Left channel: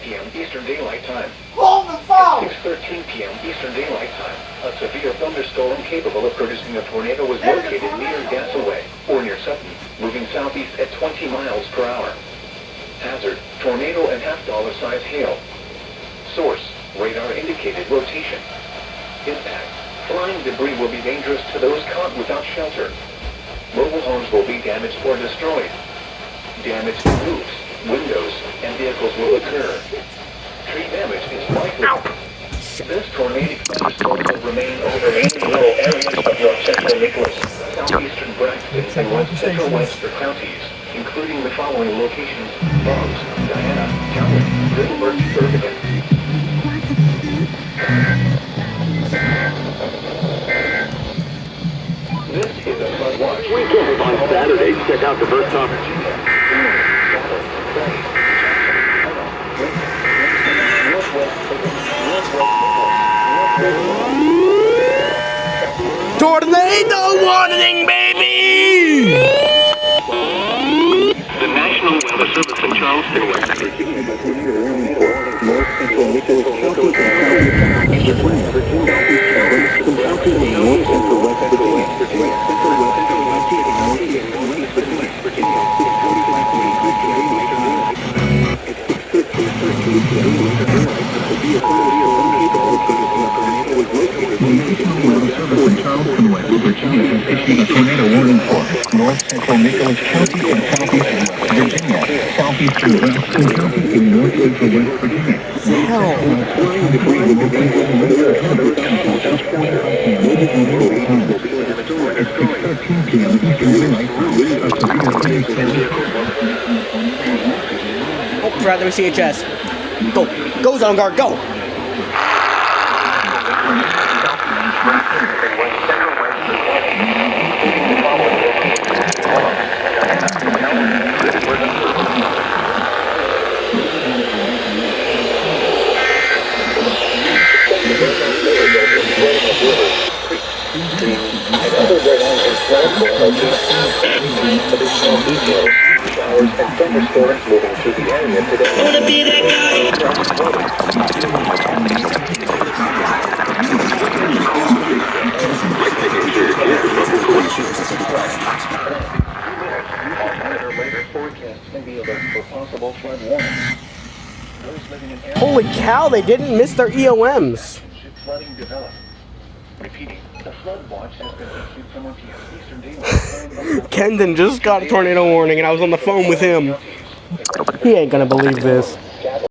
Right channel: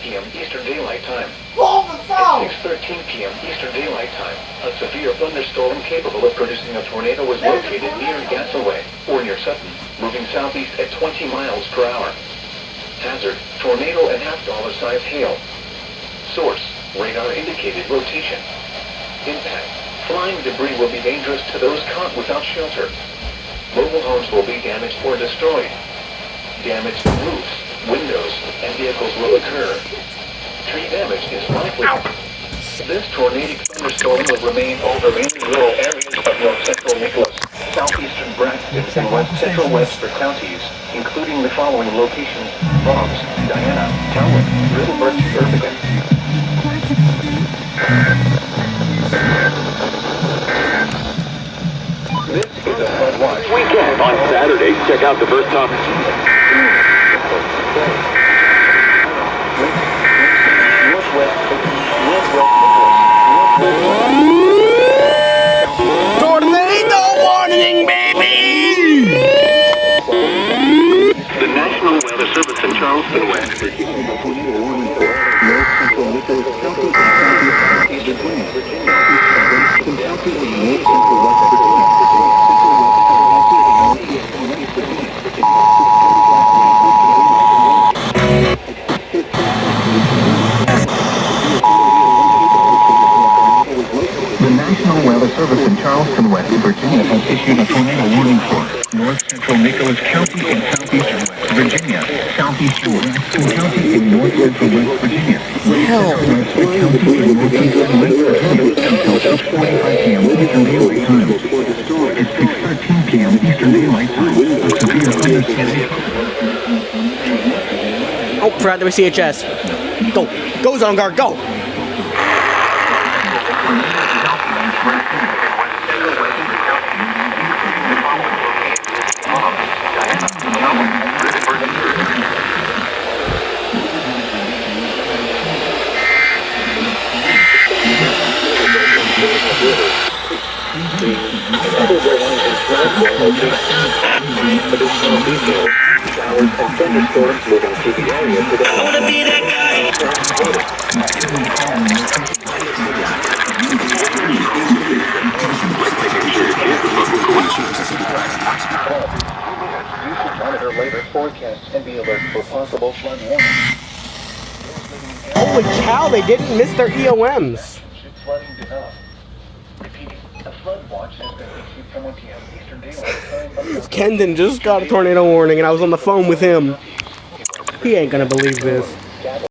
p.m. Eastern Daylight Time. Hold the phone! At 6:13 p.m. Eastern Daylight Time, a severe thunderstorm capable of producing a tornado was located near Gasaway, or near Sutton, moving southeast at 20 miles per hour. Hazard, tornado and half-dollar-sized hail. Source, radar indicated rotation. Impact, flying debris will be dangerous to those caught without shelter. Mobile homes will be damaged or destroyed. Damage to roofs, windows, and vehicles will occur. Tree damage is likely. This tornadic thunderstorm will remain over mainly rural areas of north central Nicholas, southeastern Braxton, and west central Westford counties, including the following locations: Bronx, Diana, Talbot, Middleburg, Irvington. This is a flood watch. Weekend on Saturday, check out the first top. Tornado warning, baby! The National Weather Service in Charleston, West Virginia. North central Nicholas County and southeastern Virginia. Some counties in north central West Virginia. Central West County and northeastern West Virginia. In about 6:45 The National Weather Service in Charleston, West Virginia has issued a tornado warning for north central Nicholas County and southeastern West Virginia, southeastern Braxton County and north central West Virginia. Oh, forgot the CHS. Go. Go, Zone Guard, go! Showers and thunderstorms moving through the area today. Later forecasts can be alert for possible flood warnings. Holy cow, they didn't miss their EOMs. Should flooding develop? Repeating, the flood watch has been issued from 1 p.m. Eastern Daylight Time. Kendon just got a tornado warning and I was on the phone with him. He ain't gonna believe this.